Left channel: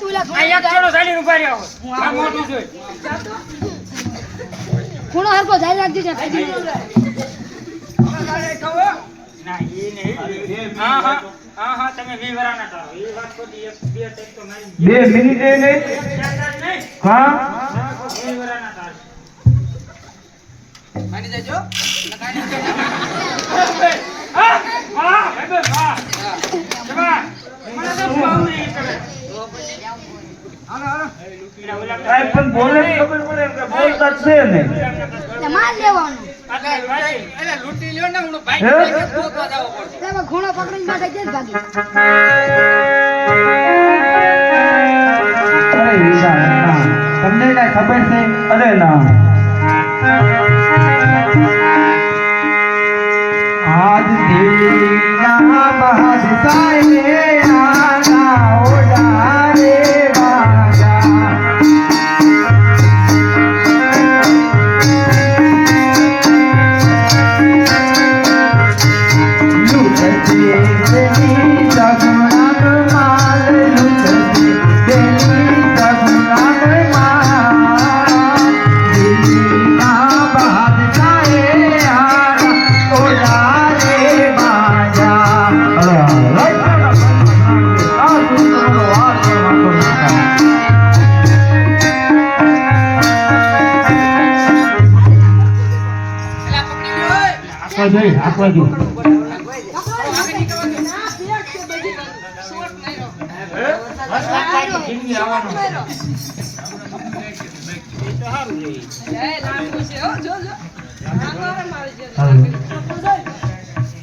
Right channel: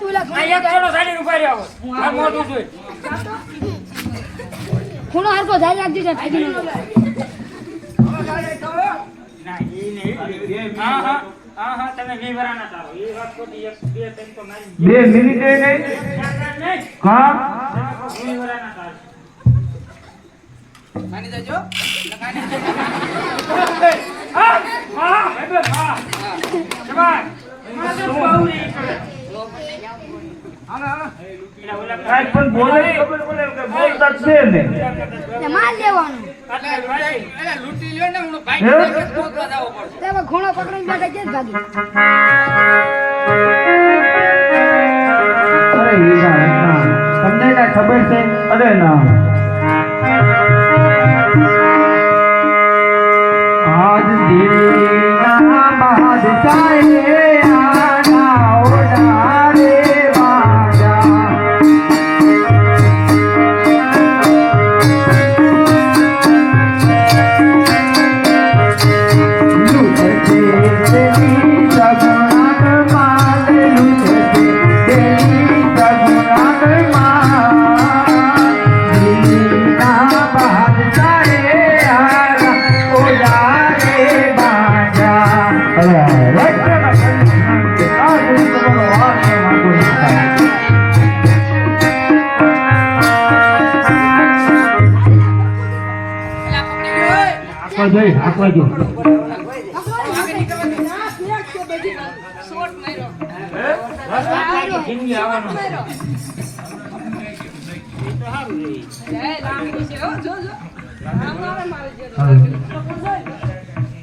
તું લા અહીંયા સાડી આ મોટું ખૂણો હરકો જાય રાખજો ને ફાજી ના એ નહીં. હા હા હા હા તમે એ વાત એક બે ત્રણ તો મારી બે મિનિટે નહીં. ચાર ચાર નહીં. હા? વી વરાના માની જજો. હા હા ભાઈ હા. જવાન મને તો બહુ નહીં કરે. એના ઓલા કાંઈ પણ બોલે ખબર પડે બોલતા છે ને. લેવાનું. એટલે લૂંટી લ્યો હું ભાઈ પકડીને ભાગી. અરે ના. તમને કાંઈ ખબર છે? અરે ના. આજ દેના બાદશાહે આના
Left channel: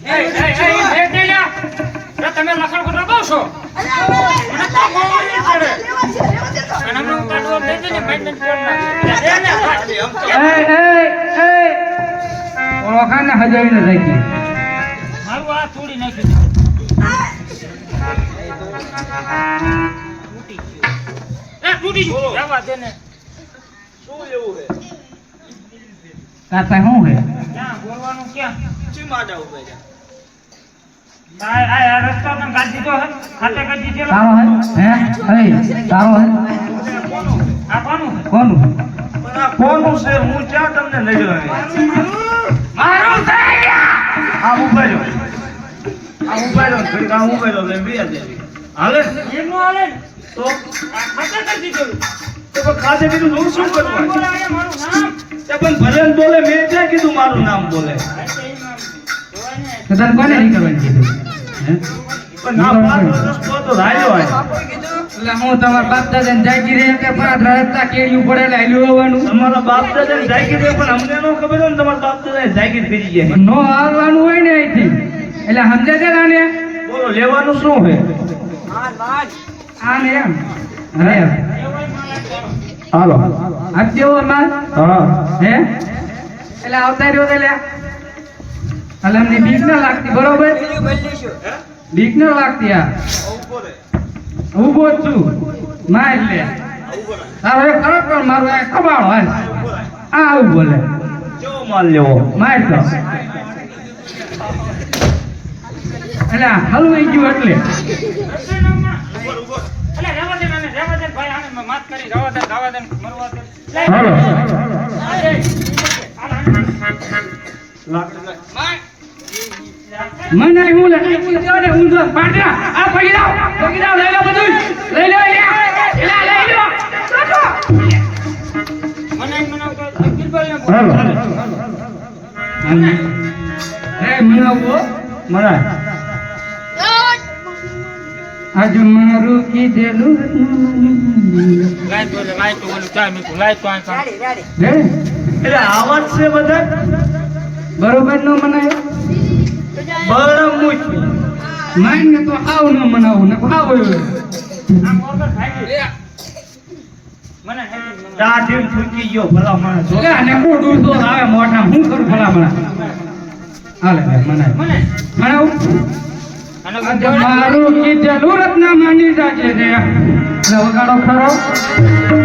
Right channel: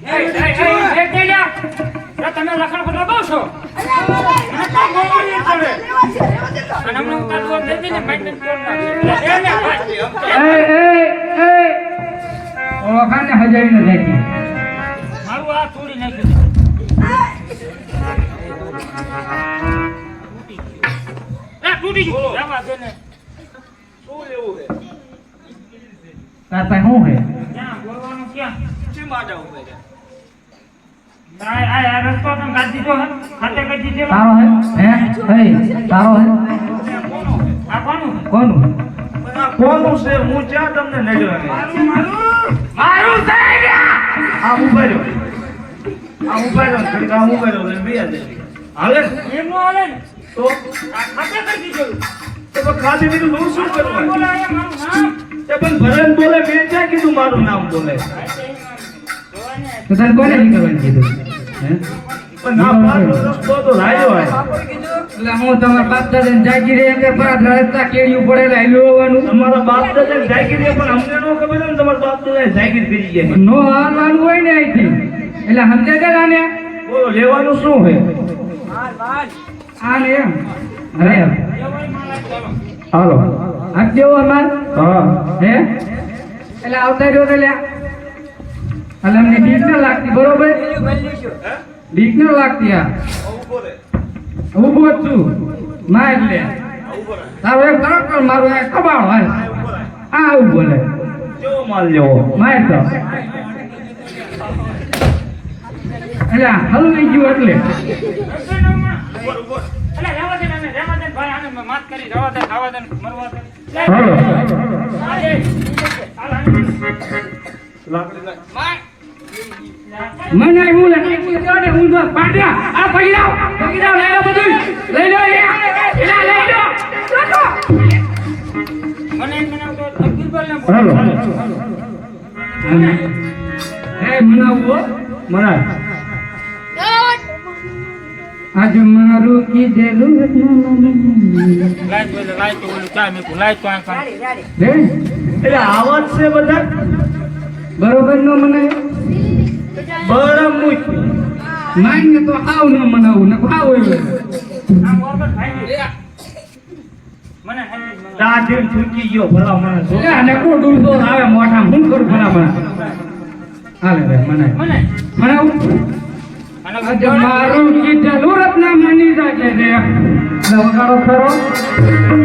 એ તેલ્યા જો. તમે લખણ ખોટા બહુ છો અને હમણાં ફોન દે ને એ એ ઓખાને હજાઈ રાખી મારું આ થોડી નાખ્યું તૂટી ગયું. એ તૂટી ગયું. જવા દે ને. કાતા શું હે ક્યાં? બોલવાનું ક્યાં? ચી માડા ઉભે છે આ આ રસ્તો તમે કાઢી દીધો હે ખાતે કરી દીધેલો? સારો હે હે? હે? સારો હે કોનું આ કોનું કોનું? કોનું છે? હું ક્યાં તમને નજર મારું? મારું ગયા આ ઊભા આ ભાઈ આ ઊભા રહ્યો બે હજાર હાલે? તો? ખાતે કરી તો કીધું હું શું નામ કરવાનું મારું નામ. તે પણ ભરેલ બોલે મેં ક્યાં કીધું મારું નામ બોલે? તને કોને નીકળવાનું કીધું? હે? પણ ના મારો તો રાયલો હોય. એટલે હું તમારા બાપ દાદા જાગી રહે કે પાંચ રસ્તા કેળ્યું પડે એટલે હાલ્યું આવવાનું તમારા બાપ દાદા જાગી છે પણ અમને ન ખબર હોય ને તમારા બાપ દાદા જાગી ફરી ગયા. નો હાલવાનું હોય ને અહીંથી. એટલે સમજે છે ને? બોલો લેવાનું શું હોય આ ને એમ. અરે. હાલો. આ કેવો માલ હા. હે? એટલે આવતા રહ્યો તો લ્યા એટલે અમને બીક ના લાગતી બરોબર? બીક ના લાગતી આ. ઊભો છું. ના એટલે તારો એક ફરક કર મારું આ કબાળ હોય આ આવું બોલે જો માલ લેવો માર તો એટલે હલવાઈ ગયું એટલે. માત કરી, રવા દે, રવા દે મરવા દે. લાકડી હાલો. મને હું જો આ પડી જાવ પડી જાવ લઈ લો બધું લઈ લો એ એલા લઈ લો મને એમ મનાવતો હતો, અકબર બોલને બોલ. હાલો. એ મનાવો આજ મારું કીધેલું લાઈટ લાય તો, ઓલું ચા મૂકું, લાઈટ તો આ કામ. રે એટલે આવાજ છે બધા? બરોબર ન મનાય? બરાબર મૂક માઈન ને તો આવ ન મનાવું ને ખાવ આમ વગર ભાગી. મને હાલી જ મનાવ. ચા ગયો ભલા મને જો. એટલે આને કોડું તો આવે મોઢા હું કરું ભલા મને? હાલે રે મને. મને? મનાવું આનો મારું કીધેલું રત્ના માની જાજે રે વગાડો ખરો.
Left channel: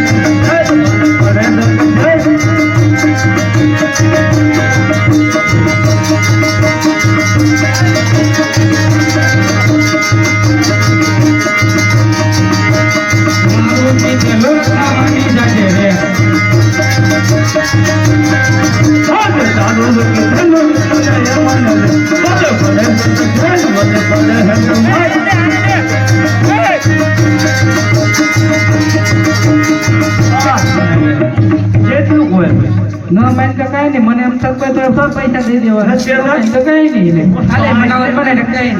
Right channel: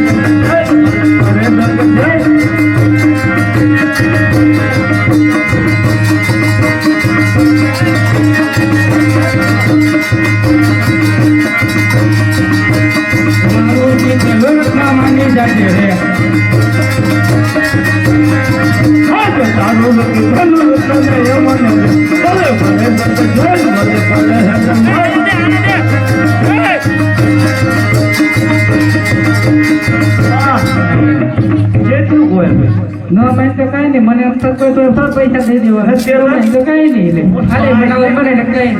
તો પૈસા દે દેવા. હશે? તો કઈ નહીં એટલે ખાલી મને પડે ને નહીં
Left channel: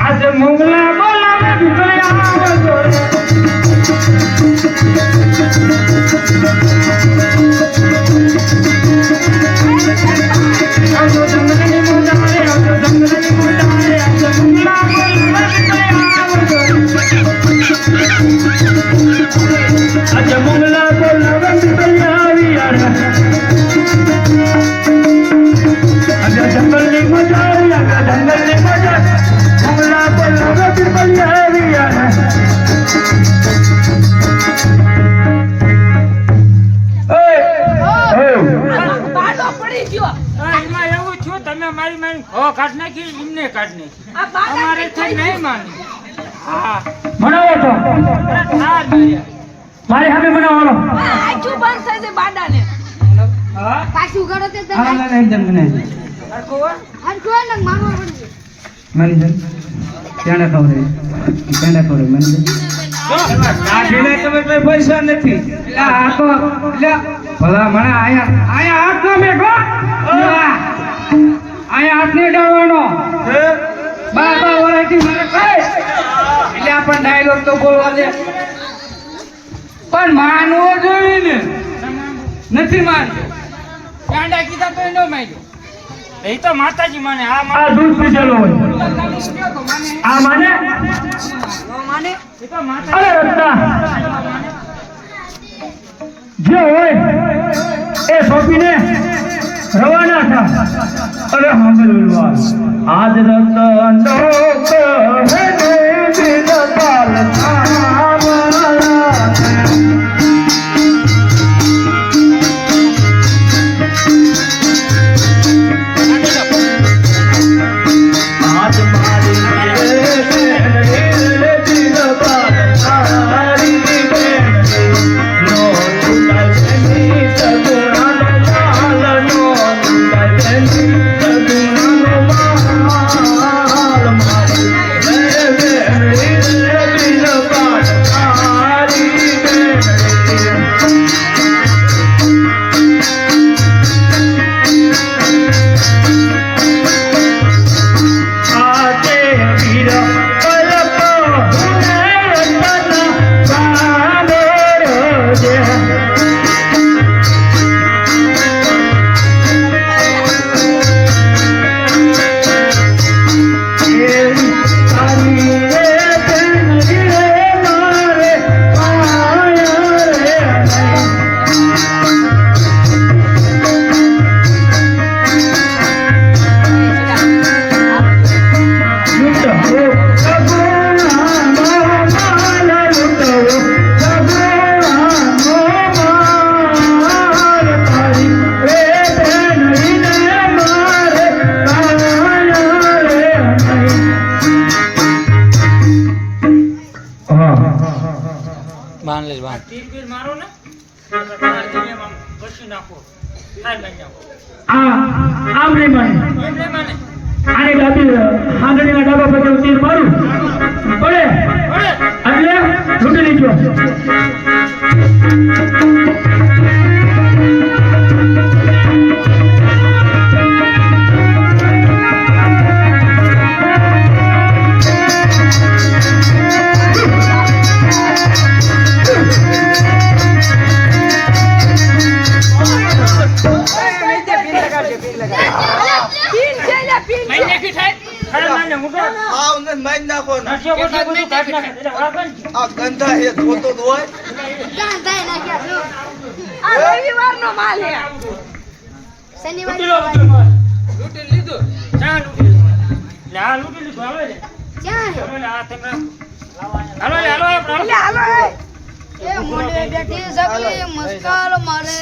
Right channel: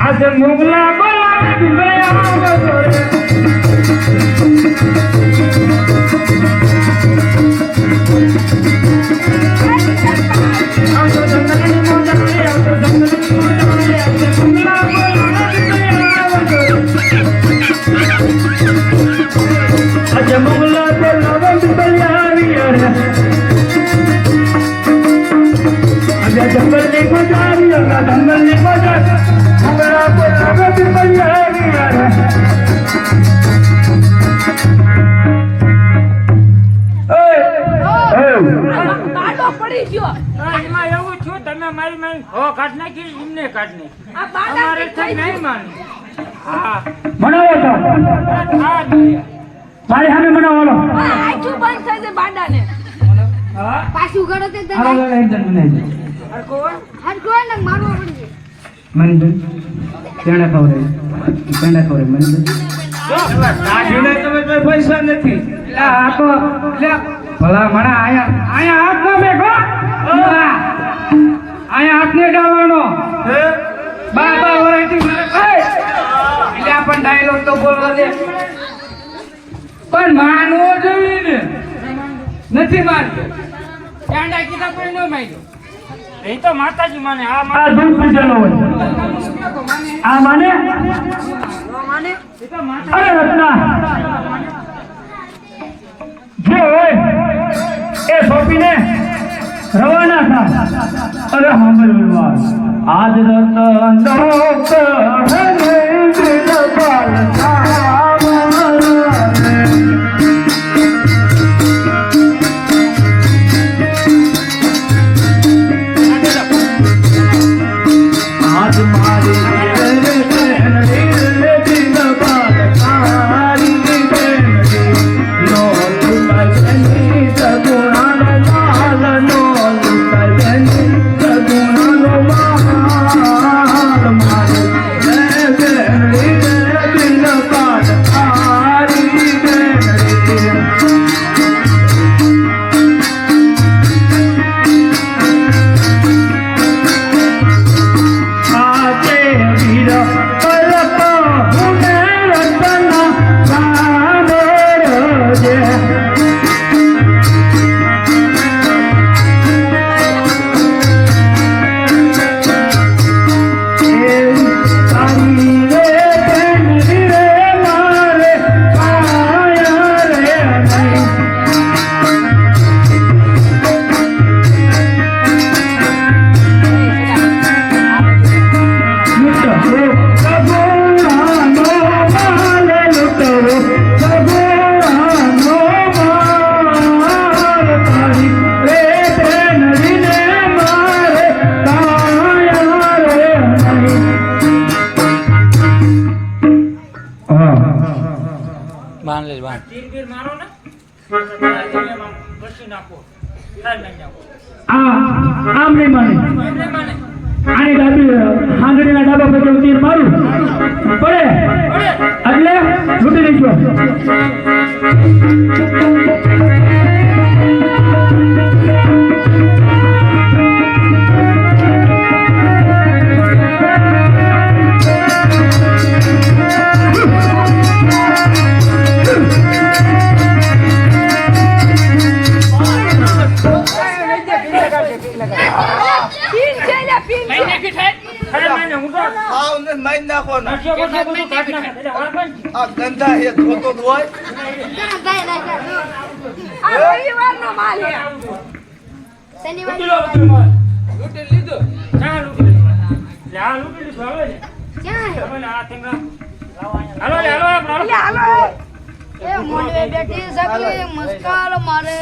આજે મંગલા બોલાવે ભયા કાઢ નાખી એમને કાઢ નાખી અમારે તો નહીં માની. હા. બનાવો તો. હા ભાઈ હવે મનાવો બનાવો આખું બંધ થઈ જાય બાડાને. હા? પાછું કરો તે તો હા એકદમ બનાવી હરખો હોય? હરખો ને મારવા પડી મંદિર. તેને ખબર તેને ખબર મંદિર. કાઢીને તમે કોઈ પૈસા નથી. એટલે આ તો એટલે ભલા મને આયા. આયા હાથ નો મેઘો પણ ડાયલોગ તો બોલવા દે. પણ માનવો જોઈએ ને. નથી માનતો. ચાંડા કીધા તો ન માન્યો. એ તો માતાજી માને આ મારા દૂધ પીધેલો હોય. આ માને? એ તો માતા અરે વત્તા. જે હોય એ સોંપીને રવાના થા. અરે સાંભળવા આજ રતન કહે દિલ બાંધ લે બાંધ તીર મારો ને? આમ નાખો. નહીં માને. એમ નહીં માને. આને ડાબી આંગળીના ડાબા પર તીર મારું પડે? એટલે ભાવને મારી નાખો. ને આ ગંધા ધોતો માલ હે? શનિવાર લૂંટી લીધું? ના લૂંટી લીધું? લે આ લીધું હાલો ક્યાં હે હાલો લે આ તમે હાલો હાલો હાલો એ મોઢે બેઠી સકલી મસ્કાલ મારે.